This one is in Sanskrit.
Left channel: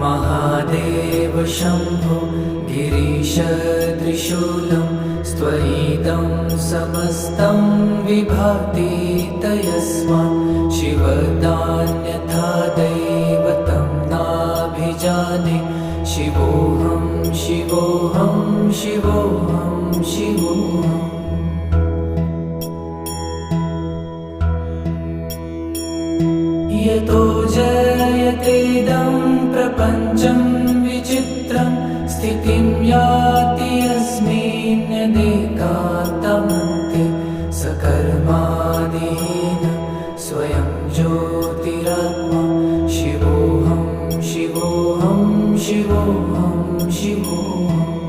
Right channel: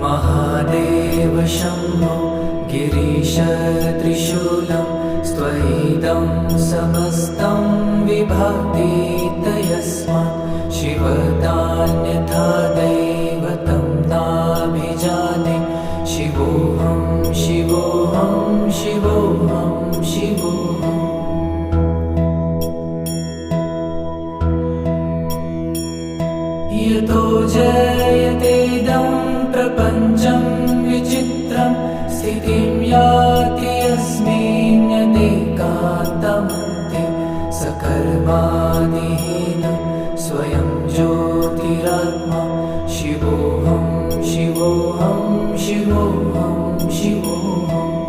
महादेव शम्भो गिरीश त्रिशूलं स्त्वयिदं समस्तं विभाति तस्मात् शिवदान्यथा दैवतं नाभिजाने शिवोऽहं शिवोऽहं शिवोऽहं शिवोऽहम् यतो जयतेदं प्रपञ्चं विचित्रं स्थितिं याति यस्मिन्नेकान्तमन्ते सकर्मादिहीनं स्वयं ज्योतिरात्मा शिवोऽहं शिवोऽहं शिवोऽहं शिवोऽहम्